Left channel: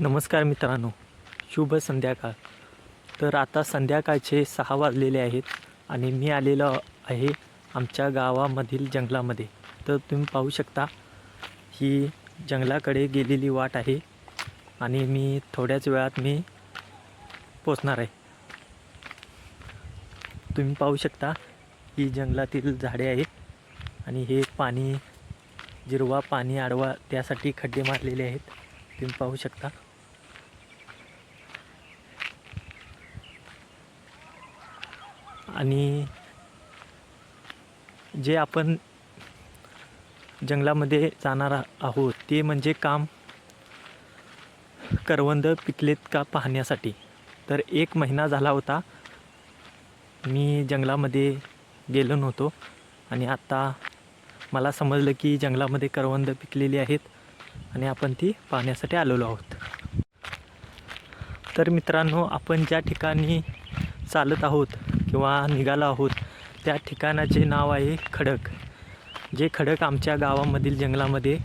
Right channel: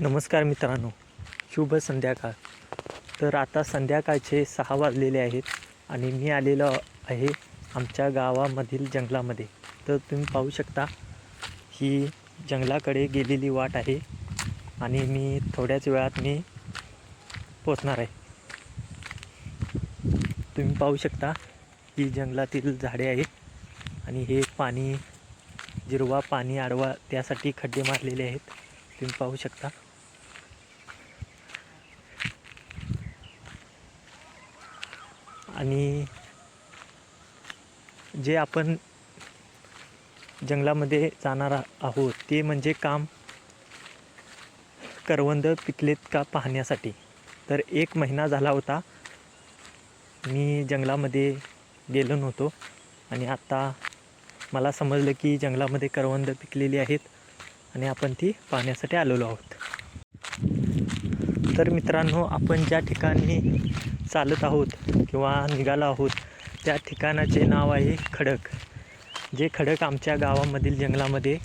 नमस्कार मित्रांनो, शुभ संध्याकाळ. तर आता संध्याकाळचे 6 वाजलेले आहेत आणि मी आलेलो आहे आमच्या गावामधील जंगलामध्ये. तर तुम्ही पाहू शकता ही जंगलाकडे गेलेली वाट आहे आणि मी थोड्याच वेळात पोचणार आहे. तुम्ही पाहू शकता ही जंगलातील झाडे आहेत आणि हे पाणी जिरवा पाणी आडवा त्यासाठी खड्डे मारलेले आहेत. तुम्ही पाहू शकता. आणि जे आपण जंगलामध्ये जाणार आहोत ते म्हणजे काम करवंद पिकलेत का पाहण्यासाठी. तर 1 महिना झाला होता मी जंगलामध्ये गेलो नव्हतो आणि आता मला समजलं की जंगलामध्ये करवंद पिकलेली आहेत आणि आपण ती पाहण्यासाठी आलेलो आहोत. तर मित्रांनो, आपण ज्या ठिकाणी चालत आहोत किंवा निघालो आहोत त्या ठिकाणाचे नाव आहे खडक. जे खडक आमच्या गावामधील जंगलामध्ये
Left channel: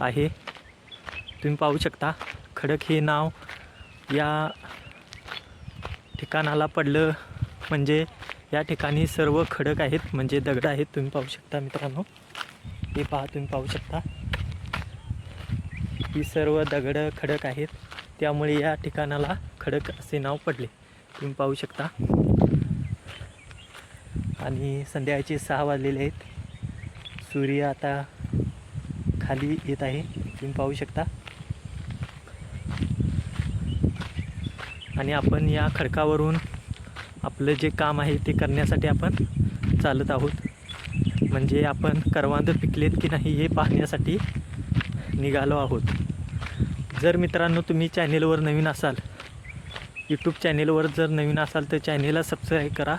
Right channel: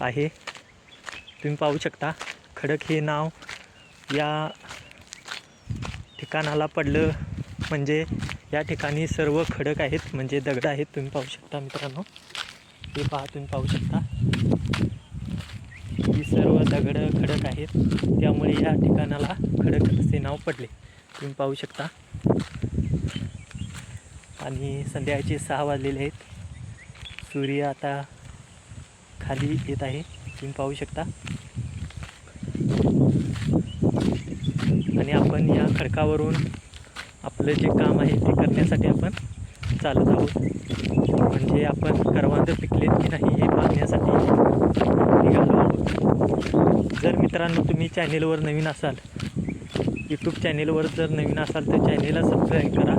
आहे. तुम्ही पाहू शकता खडक हे नाव या ठिकाणाला पडलं म्हणजे या ठिकाणी सर्व खडक आहेत, म्हणजे दगड आहेत. तुम्ही पाहू शकता मित्रांनो, हे पहा, तुम्ही पाहू शकता ही सर्व दगड खडक आहेत, त्यामुळे या ठिकाणाला खडक असे नाव पडले. तुम्ही पाहू शकता. आणि संध्याकाळचे 6 वाजलेले आहेत. सूर्य आता खाली येत आहे. तुम्ही पाहू शकता. आणि आपण या खडकावरून आपलं जे काम आहे ते करण्यासाठी आपण चालत आहोत. म्हणजे आपण करवंद पिकलेत की नाही हे पाहण्यासाठी निघालो आहोत. जर मित्रांनो तुम्ही चॅनेलवर नवीन असाल, यूट्यूब चॅनेलवर जर नवीन असाल तर चॅनेलला सबस्क्राईब करा,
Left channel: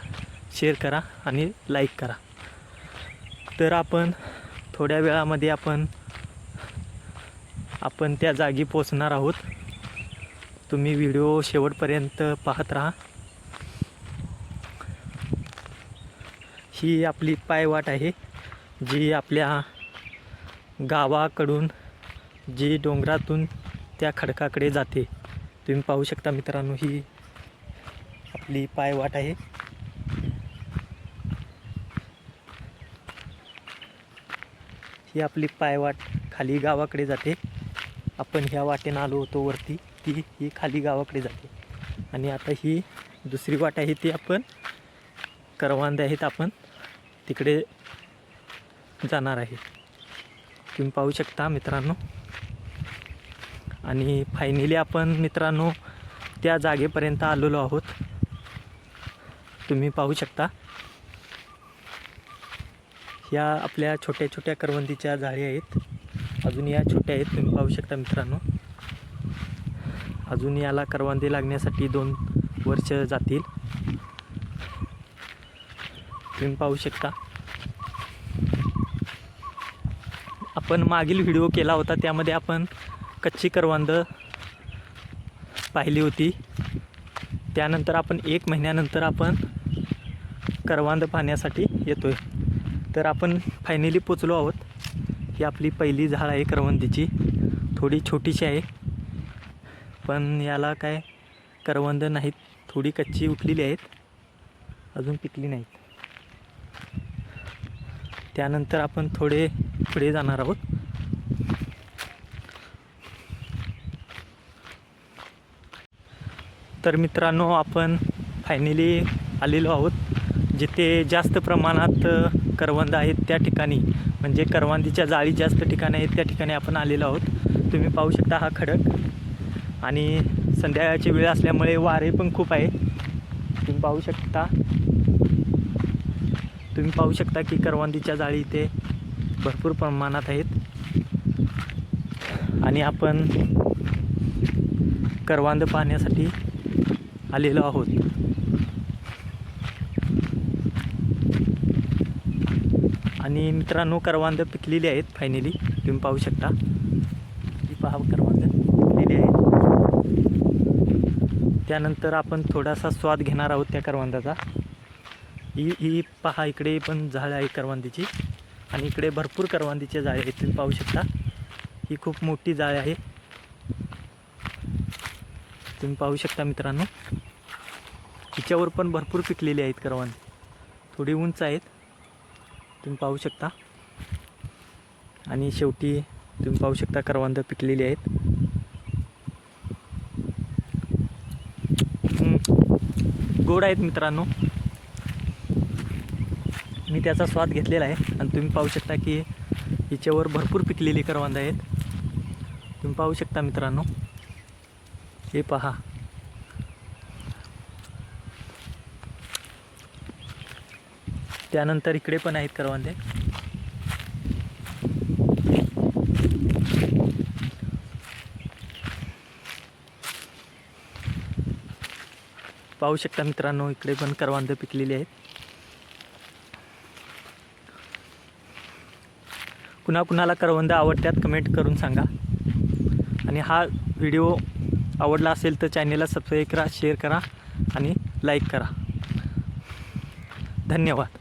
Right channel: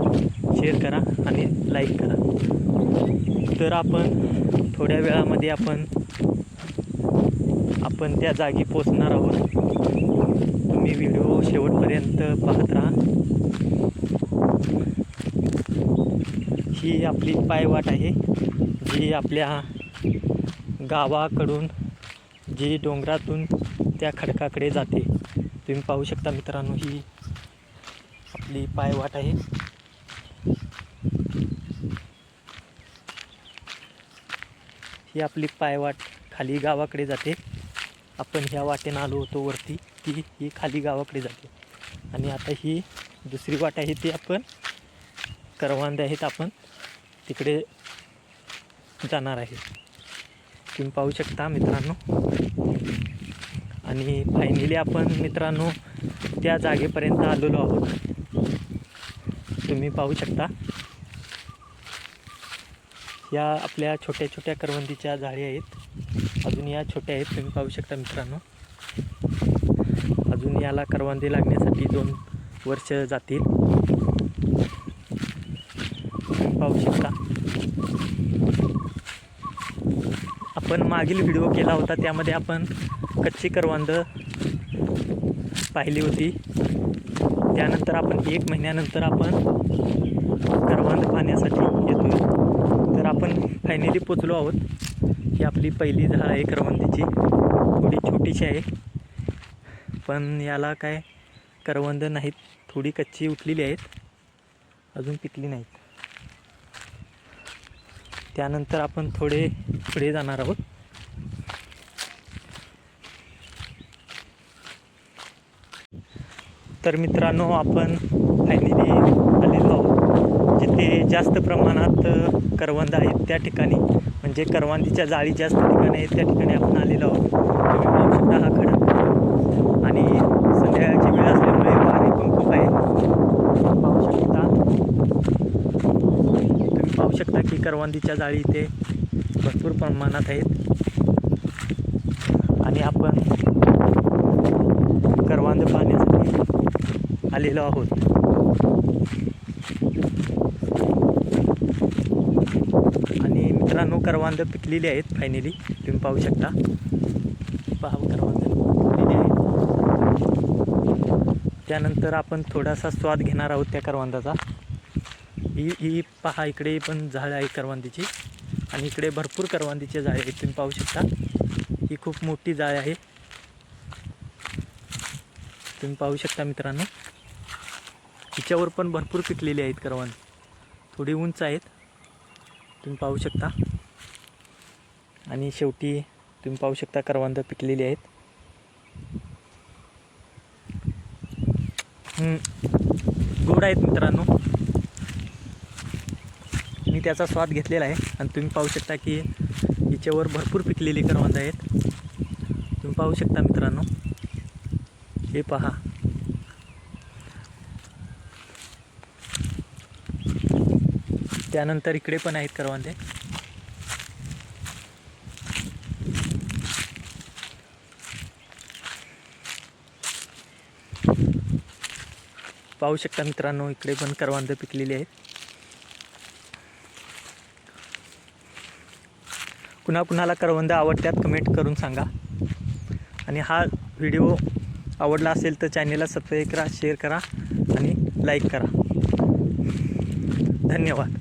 शेअर करा आणि लाईक करा. तर आपण थोड्या वेळामध्ये आपण त्या जागी पोचणार आहोत. तुम्ही व्हिडिओ शेवटपर्यंत पाहत राहा. ही आपली पायवाट आहे जी आपल्या गावाकडून जी डोंगरातून त्या खडकाकडे जाते. तुम्ही पाहू शकता मित्रांनो, ही आपली पायवाट आहे. ही आपली पायवाट खाली गावाकडे जाते. आपण ह्या वाटेनं आलो होतो वरती, ही खाली गावाकडे जाते. आणि आता ही दुसरी वाट आहे ती आपण करवंद आहेत, आपण तिकडे जाणार आहे. तुम्ही पाहू शकता मित्रांनो. आणि फायनली आपण मित्रांनो त्या जागेपर्यंत आलेलो आहोत. तुम्ही पाहू शकता या आपल्या छोट्या छोट्या करवंदीच्या जाळी आहेत. अजून या छोट्या आहेत. तुम्ही पाहू शकता मित्रांनो. अजून याला करवंदी लागण्यासाठी 2 वर्ष जातील. तुम्ही पाहू शकता. आपण मागील व्हिडिओ केला होता त्यामध्ये आपण कच्ची करवंद पाहिली होती. त्यानंतर आपण 1 महिन्यानंतर आपण करवंद पाहण्यासाठी येतोय. तर आपण फायनली पोचलो आहोत. ही आपली पहिली झाड आहे करवंदीची. थोडी छोटीशी आहे पण याला काय करवंद नाहीत, थोडी कच्ची उठलेली आहेत, अजून पिकली नाहीत. त्यानंतर आपण थोडे पुढे जाणार आहोत. तर मित्रांनो, आपण फायनली आलेलो आहोत जिथे जास्त प्रमाणात करवंद आहेत. त्या ठिकाणी म्हणजे करवंदीच्या जाळी जास्त ठिकाणी आहेत त्या ठिकाणी आपण आलेलो आहोत. तुम्ही पाहू शकता हा खडक. आणि संध्याकाळची वेळ असल्यामुळे वारे पण खूप आहे. तुम्ही पाहू शकता की करवंदीच्या जाळी इथे भरपूर प्रमाणात आहेत. आणि आपण करवंद पाहण्यासाठी आलेलो आहोत. आणि मित्रांनो, करवंद पिकलेली आहेत फायनली. तुम्ही पाहू शकता. पहा, करवंद पिकलेली आहेत. त्यानंतर आपण थोडासा स्वाद घेणार आहोत त्या करवंदाचा. ही पहा, इकडे पण झाड आहे करवंदीची आणि इकडे भरपूर करवंदीचे झाडे आहेत. तुम्ही पाहू शकता. ही खूप मोठी जाळ आहे. तुम्ही पाहू शकता मित्रांनो, हिच्यावर पण भरपूर पिकलेली आहेत करवंद. थोडी उंच आहेत, तुम्ही पाहू शकता. आणि शेवटी तुम्ही पाहू शकता करवंद पिकलेली आहेत. गोड आहेत मित्रांनो. मी त्याचा स्वाद घेतलेला आहे आणि तुम्ही पाहू शकता की हिच्यावर भरपूर पिकलेली करवंद आहेत. तुम्ही पाहू शकता मित्रांनो, हे पहा. त्यानंतर इकडे पण आहेत करवंदे. पाहू शकता मित्रांनो, इकडे पण करवंद पिकलेली आहेत. कुणाकुणाला करवंद आवडतात कमेंट करून सांगा. आणि हा व्हिडिओ आवडला असेल तर चॅनेलला सबस्क्राईब करा, शेअर करा आणि लाईक करा. धन्यवाद.